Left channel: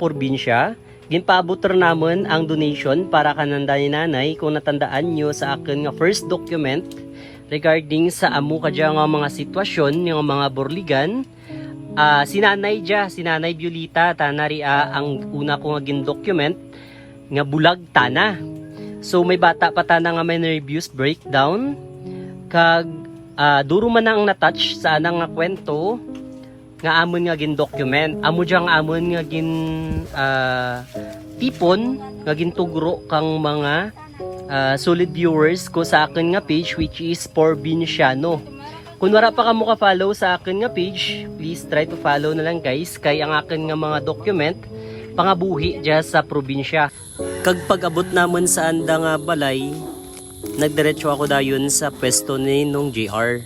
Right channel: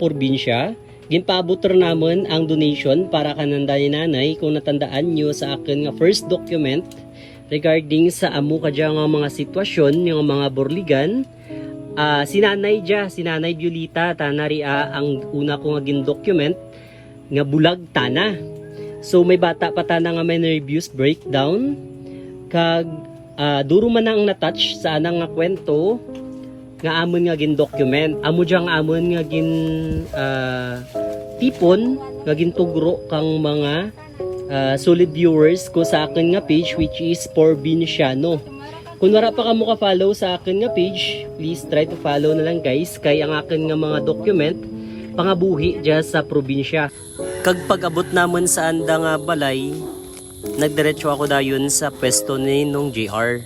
probinsya. Ginpaabot namon ang donation para kananda ni nanay kung natandaan nyo sa akin nga first document regarding sa amo kadya nga mga sitwasyon ng mga borligan. Si nanay Violita tanaria ang una ko nga gin-document nga bulag tana. So may bata pa tana nga may nervous breakdown kag duro man ang na-touch sa anang nga kwento nga amon nga gin-document. Amo diyang amon nga gin tipon nga gintugro kang mga solid viewers ko sa akin nga page, which is Provinciano. Kung wala pa kamo ka-follow sa akin nga page, please try to follow na lang guys, kay ang akin nga mga document pangabuhi dyan sa probinsya. Kag pag-abot namon sa anda nga balay, nagdiretso ako dayon sa pwesto ni nung JR.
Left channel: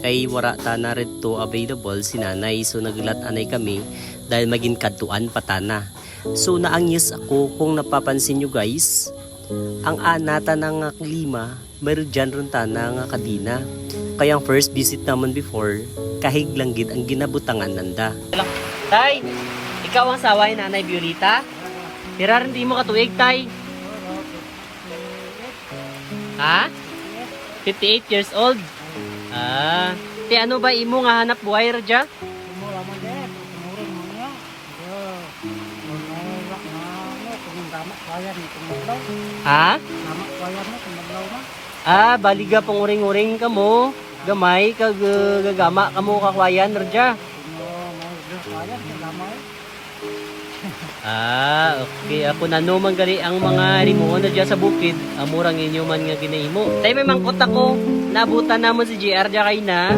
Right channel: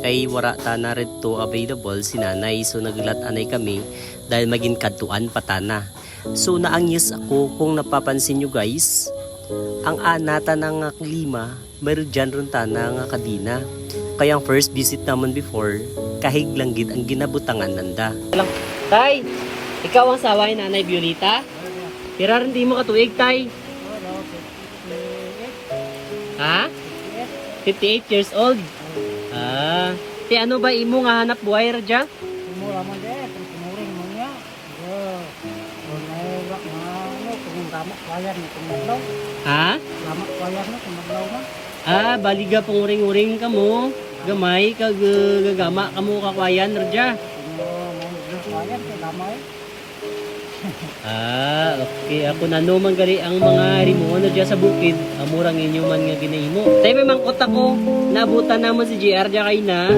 Kay wara ta na rito available si nanay, so naglat-anay kami dahil maging kadtuan patana. So naangyas ako kung napapansin nyo guys, ang anata ng klima, mayroon dyan ron tana nga kadina. Kaya ang first visit naman before, kahig lang gid ang ginabutangan nanda. Tay, ikaw ang saway nanay Violita? Pero hindi mo katuig tay? Ha? 58 years old? Ti ano ba imo nga hanap buhay radya? Mura mo deh, tumuring mo niya. Kung gamak wayar ni kumaglaw. Ha? Gamak wayar ni kumaglaw na. Baliga panguring-uring ka mo. Gamay kag gagama ka mo kakwayan radya. Kung may wayar si gamay. Okay. Ako na no man gali ang mga rimo na dyan sa bukid. Amurang inyo man nga ginahimo. Tay may mangkot ako. Naabutan namon si JR dyan kay na.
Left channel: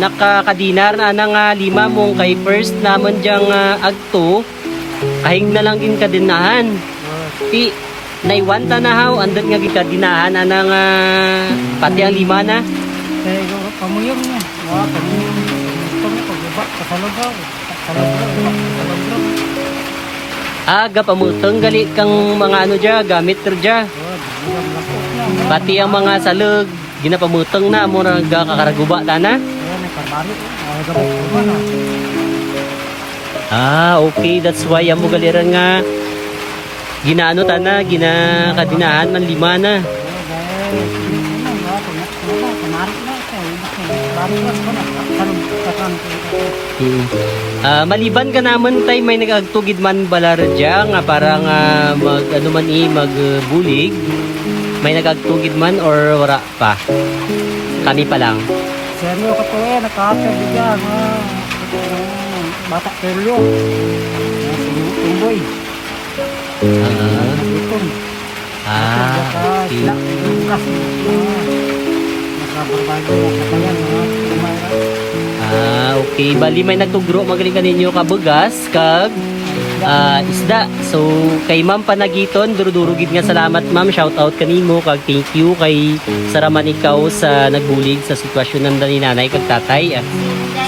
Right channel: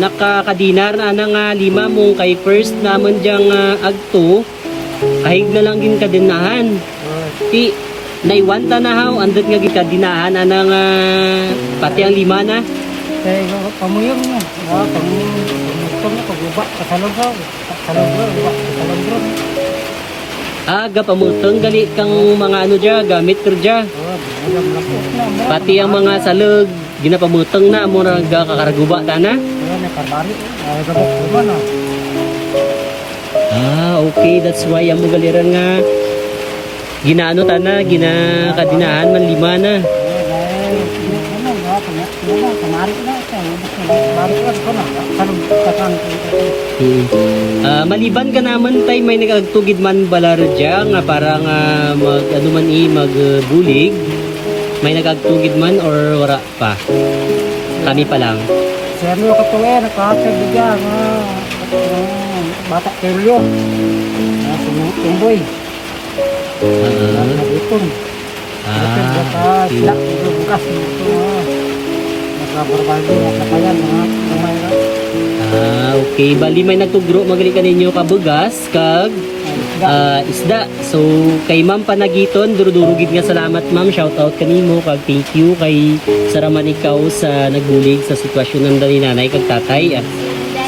Nakakadinar na nga 5 mong kay first namon dyan agto. Kahig na lang gin kadinahan. Ti naiwanta na haw andot nga gikadinahan anang pati ang 5 na. Kaya pamuyong niya. Pamuyong niya pagbuba kasalubro. Aga pamutong gali kang mga ano dyan, gamit ter dyan. Pati ang mga salog, ginapamutong na mo nagkakaraguba tana. Okay, that's why amo galiran nga ginaano tana, ginakadinahan man 5 na. Maliban ka naman tay may nagagtugid man balarja nga parang mag ano man magbulig, may nagagtugid man or wala pa? Kami pa lang. Seryo ka to nakakasya bigyan bata keryo. Tumboy. Okay, bali may nagtugro magaling kaninyo kabugas kag isda. So kay Ma'am Panagiton, durudurugid nga salamat Ma'am, shout out kanimo kag thank you kay saraman ikaw sa nagbulig sa sitwasyon ng dali nanay kag tatay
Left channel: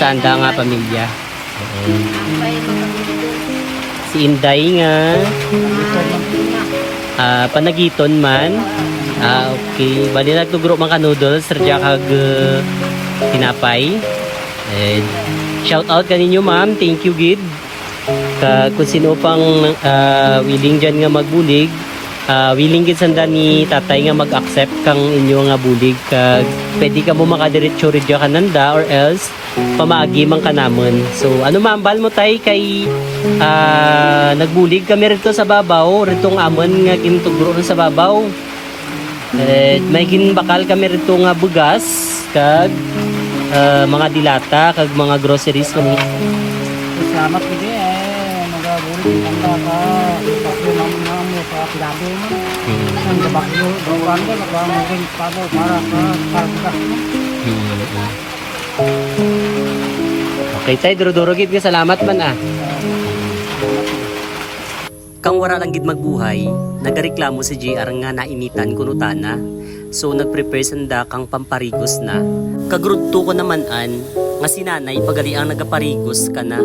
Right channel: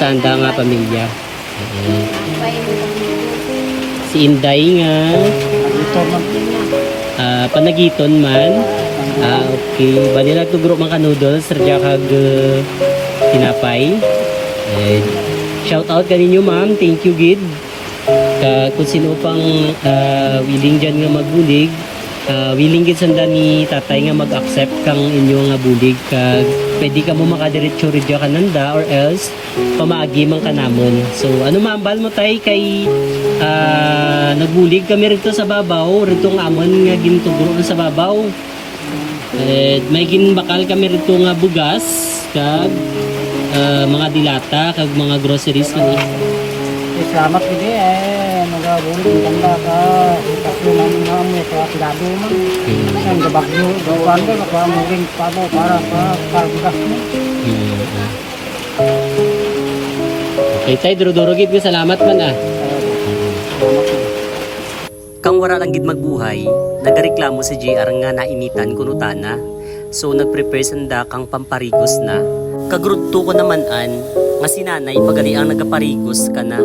sa anda nga pamilya. Si Inday nga Panagiton man. Okay, bali nagtugro man ka noodles radya kag tinapay. Shout out kaninyo Ma'am, thank you gid. Kung sino pang willing dyan nga magbulig, willing gid sanda ni tatay nga mag-accept kang inyo nga bulig, kag pwede ka mo makadiretso ridya kananda or else pamaagi man kanamon. So ano maambal mo tay kay nagbulig kami rito sa babaw, ritong amon nga gintugro sa babaw. May ginbakal kami rito nga bugas kag mga dilata kag mga groceries kami. Salamat gid magabulig ng tanda ka kasi nang mga sa tilado man. Nang gabagyo gawan ka magmuging pano para sa pagkas mo. Okay tay, duro-duro gid salamat man Kang wara lang gid magbuhay, nagareklamo si JR nga nainitan kuno tana. So nagprepare sanda kang pamparigos na. Kagrudto ko naman nga si nanay pagali ang nagaparigos ka na.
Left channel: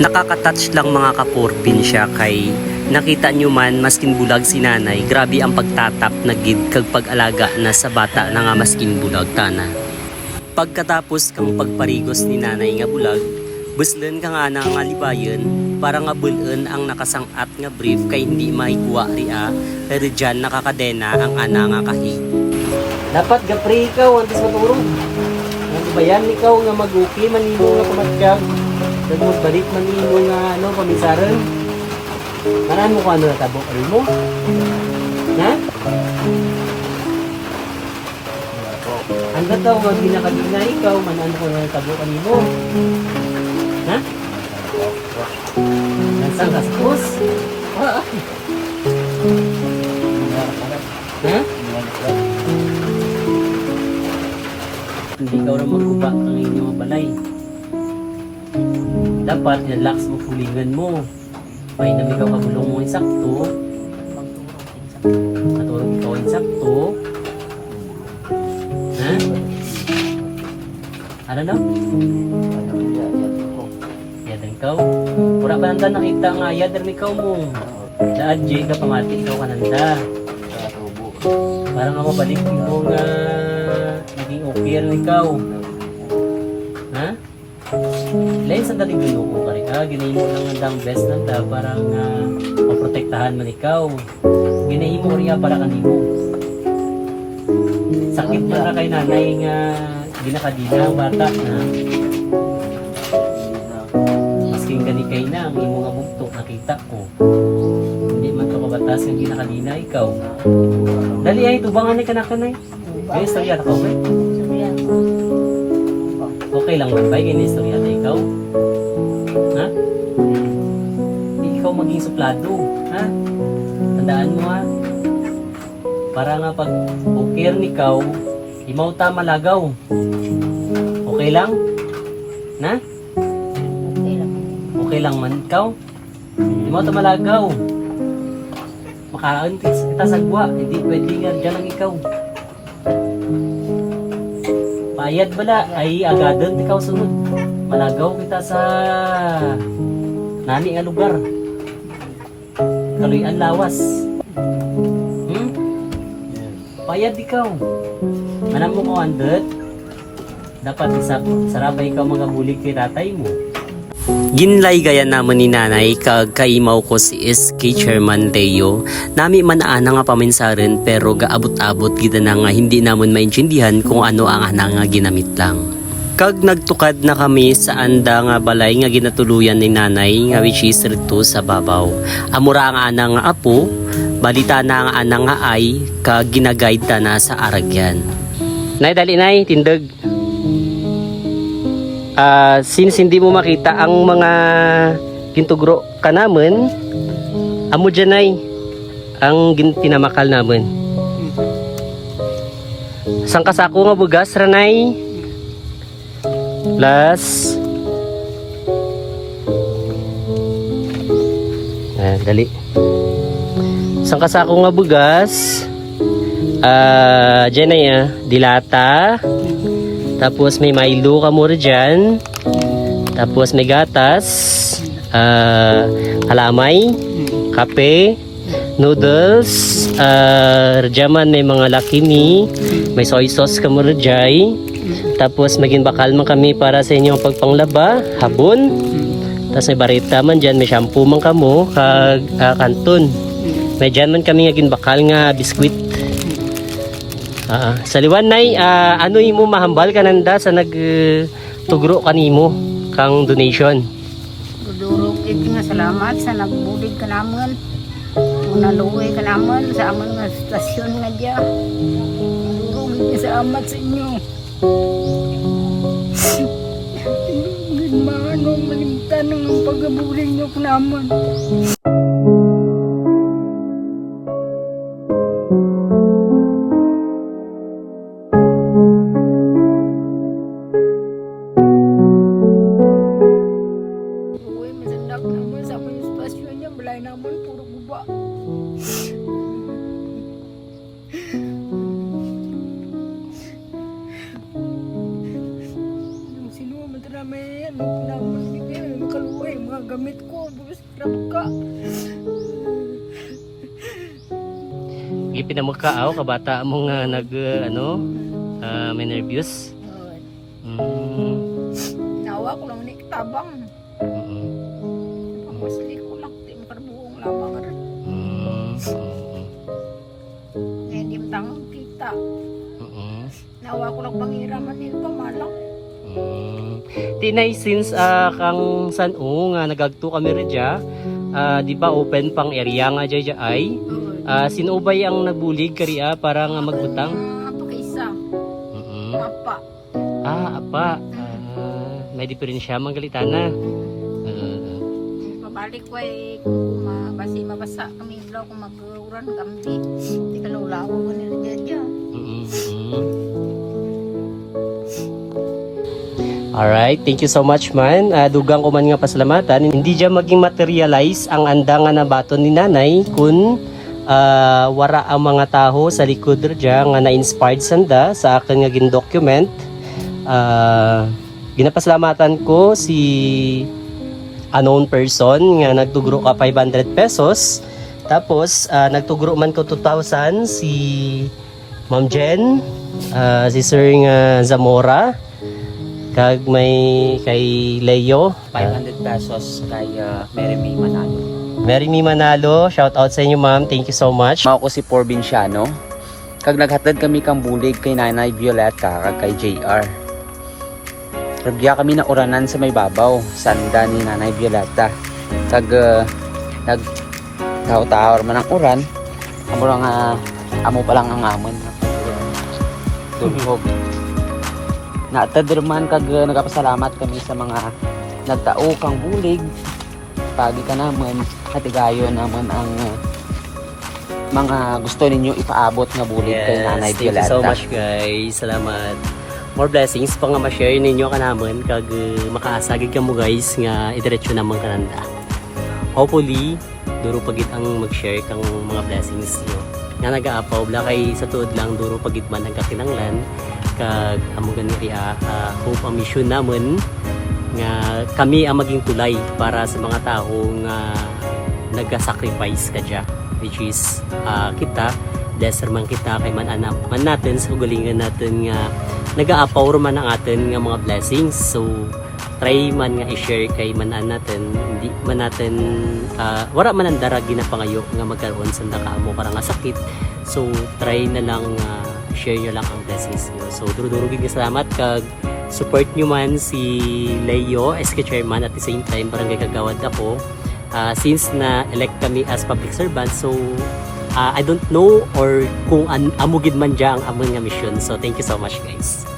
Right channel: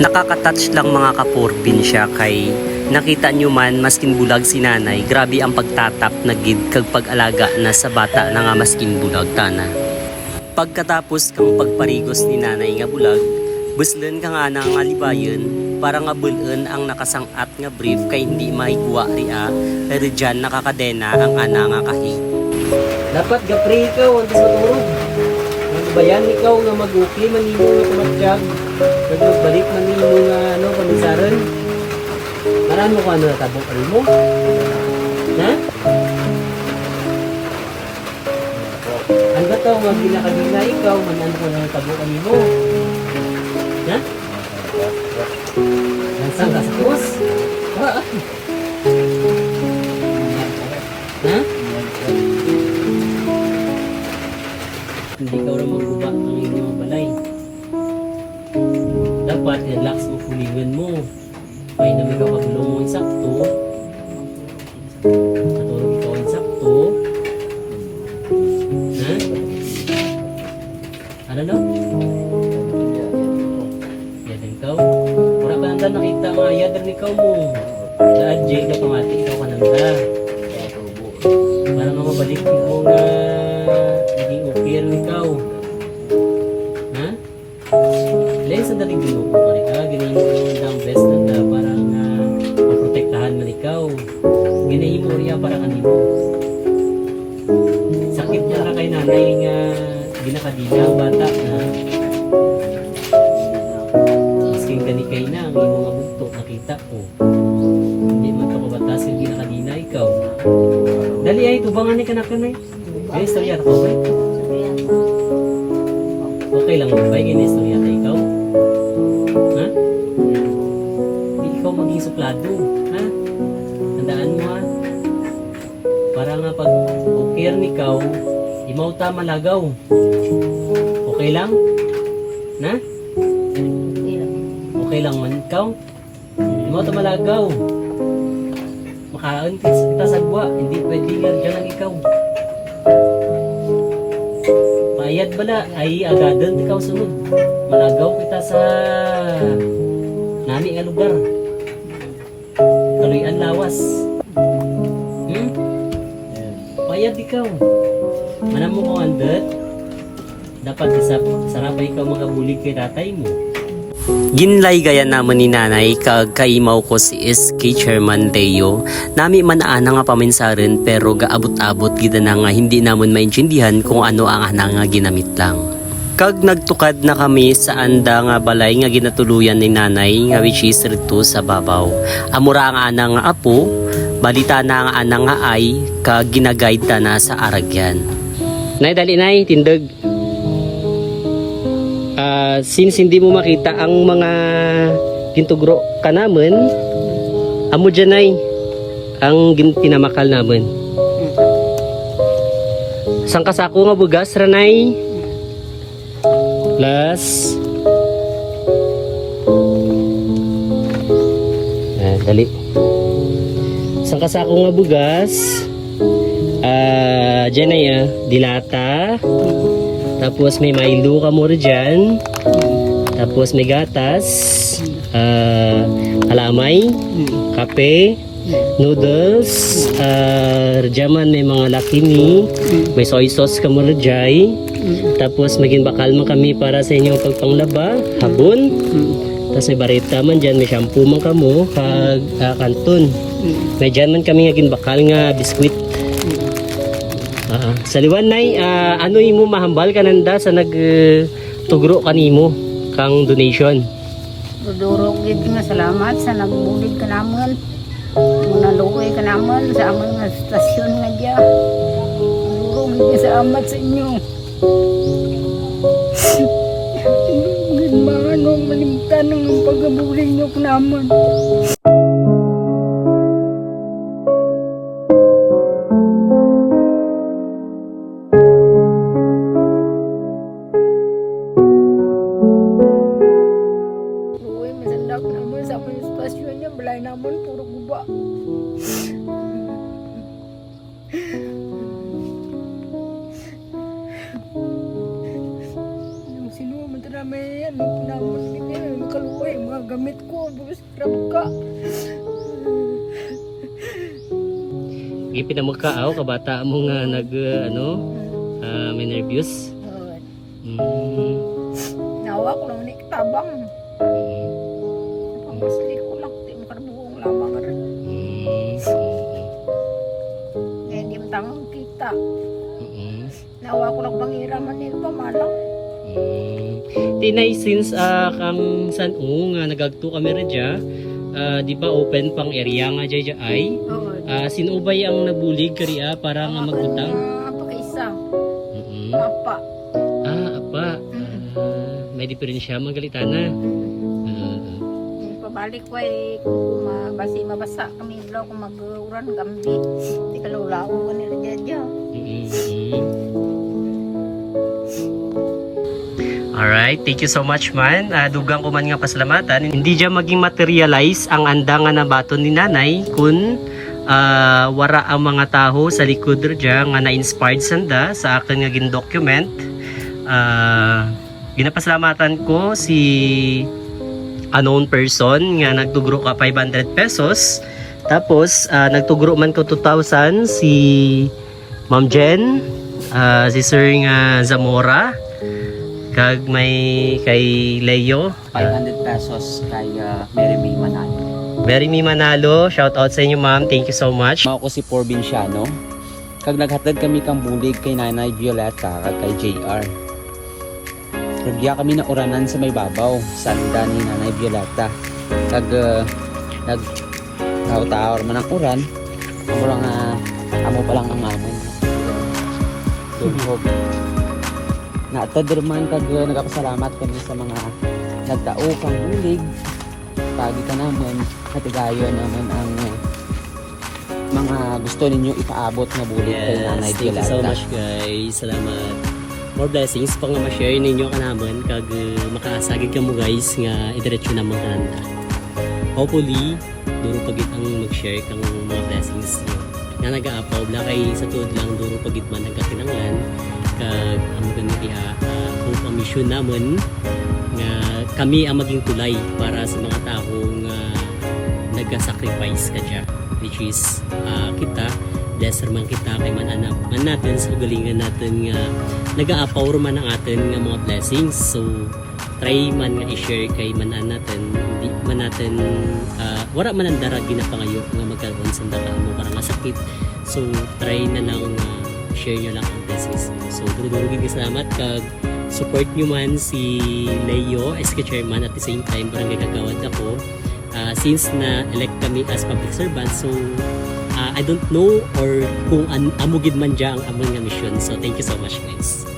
Nakaka-touch lang mga kaporbinsya kay nakita nyo man maskin bulag si nanay, grabe ang pagtatap na gid kag pag-alaga na sa bata na nga maskin bulag tana. Pagkatapos kang pagparigos ni nanay nga bulag, buslen ka nga na nga libayon para nga bulen ang nakasangat nga brief kay hindi maikuha ria pero dyan nakakadena ang ana nga kahi. Dapat gapre ikaw, antes matulog. Bayan ikaw nga mag-okay, manimo nga kumatsyag. Kag magbalik manimo nga komisaran. Marami ko ano natabok mo? Ha? Ano ba ito? Huwag ginakagina ikaw, manano ko na natabok mo? Ha? Nasaan ka sa krus? Ha? Hindi ka rin magguba ang inyong balay. Dapat relax mo pulingan mo. May nami ka pagulong mo insakto. Katulog ikaw insakto. Ha? Ano na? Yadan ikaw? Wala ka nanda nakita nga yadan ikaw mo. Sa adje ka pamati ikaw ka nanda. Para nga mabalik mo nga naging okay rin ikaw. Ha? Lain sa daling ginuko ka rin ka. Ginahin mo lang ang best nanda para nga maprotektahan man ikaw. Ginahin mo rin para kanimo. Sakit na na kay nanay nga ginakadina ang bata na masking gani kay na ang imo nga bugto nakita ko. Hindi man to kabatas ang ginakadina ikaw. Dali ay tubangan ni kanakanay. Ay istorya ta ko ba? Okay lang man ba gani istorya ta ikaw? Ha? Di ikaw maging suplado, ha? Tandaan mo ha. Para nga pag okay ni ikaw, imaw ta malagaw. Okay lang? Na? Okay lang man ikaw? Imaw ta malagaw. Makaon kita sagwa, hindi pwede nga dyan lang ikaw. Payad bala, ay agadan ikaw sunod. Malagaw kita sa nani nga lugar. Kaluyan lawas. Payad ikaw. Manam mo kung andot, dapat sarapay ikaw mga bulig kay tatay mo. Ginlay gaya naman ni nanay kag kaimaw ko si SK Chairman Teo. Nami man ana nga paminsaran pero gaabot-abot gid na nga hindi namon maintindihan kung ano ang ana nga ginamit lang. Kag nagtukad na kami sa anda nga balay nga ginatuluyan ni nanay nga which is rito sa babaw. Amura nga ana nga apo, balita na nga ana nga ay kag ginaguide ta na sa aragyan. Nay dali nay tindog. Since hindi mo makita ang mga gintugro ka naman, amo dyan ay ang tinamakal naman. Sang kasako nga bugas ranay plus dali sang kasako nga bugas dyan ay dilata. Tapos may Milo ka muna dyan. Tapos may gatas. Kalamay. Kape. Noodles. Rajaman may mga lakimi. May soy sauce ka muna dyan. Tapos maging bakal man kami para sa inyong pagpanglaba. Habon. Tapos may barita man dyan. May shampoo man kamo. Kag kanton. May dyan man kami ngaging bakal nga biskwit. Sa liwan nay, ano imo mahambal kananda sa nagtugro kanimo kang donation? Dudurog gid nga salamat sa nagbulig ka naman. Munaluoy ka naman sa amang nga stasyon nga diya. Dudurog gid salamat sa inyo. Gid manong malimtan ang pagabulig niyo ka naman. Balay naman, puro guba. may ano naman ganyan, makaluway mga gamit ko, bukas grab ka. Gipin na mo ka, kabata mo nga may nervyos. Nawa ko lang ni kitabang. Pamasli ko lang, di makarbuong lamang rin. Ngayon di matangang kita. Nawa ko lang pangiraman nito pamalang. Tinay since kang San-o nga nagagto kami radya, di ba open pang area nga dyan ay? Sino ba ang nagbulig kariya para nga magbutang? Apa kaisa? Apa? Apa. May diferensya manggalitana. Pabalik ko ay kung mabasa kami ilaw kung mag-uran gambi. Di ka lulaw ko nila dyan. Alright, thank you so much man. Dugang ko man nga pasalamatan. Hindi dyan maging materialize ang anda nga nabaton ni nanay kung wara ang mga taho sa likod dyan nga na-inspired sanda sa akin nga gin-document. Ginapasalamatan ko si unknown person nga nagtugro ka 500 pesos. Tapos nagtugro man ko 2,000 si Ma'am Jen, si Sir nga Zamora, kag may kay Leo 500 pesos kay Mary May Manalo. Mary May Manalo, shout out sa inyo ma'am, thank you so much. Mao ko si Porbinciano. Kag naghatid kami kang bulig kay Nanay Violeta kag kay JR. Ragya kami na uranan sa may babaw, sanda ni Nanay Violeta. Kag nagtaw-taw man ang uran. Amo lang amo pa lang ang amon. Tulog. Naatadurman kag nagapasalamat kami sa mga nagtao kang bulig. Pagi ka naman hatigayo naman ang mga gusto ninyo ipaabot na bulig kay Nanay Thank you Violeta. so much guys, salamat. More blessings pa nga ma-share ninyo ka naman kag makaasagig ka mo guys nga idiretso naman kananda. Hopefully, duro pagit ang mag-share kang mga blessings nyo. Nga nag-aapaw bla kay sa tuod lang duro pagit man ang kakinanglan kag amo ganiriya hope ang mission namon nga kami ang maging tulay para sa mga tao nga nag-sacrifice kadya, which is kita blesser man kita kay man natin sa ugalingan natin nga nag-aapaw man ang atin nga mga blessings. So try man nga i-share kay man natin, hindi man natin wala man ang darag ginapangayo nga magkaroon sa mo para nga sakit. So try na lang share nyo lang ang blessings nyo. So duro-duro salamat kag support nyo man si Leo as chairman at the same time barangay kagawad ako. Since na elect kami as public servant, so I don't know or kung amugid man dyan ang amon nga mission. So thank you so much guys.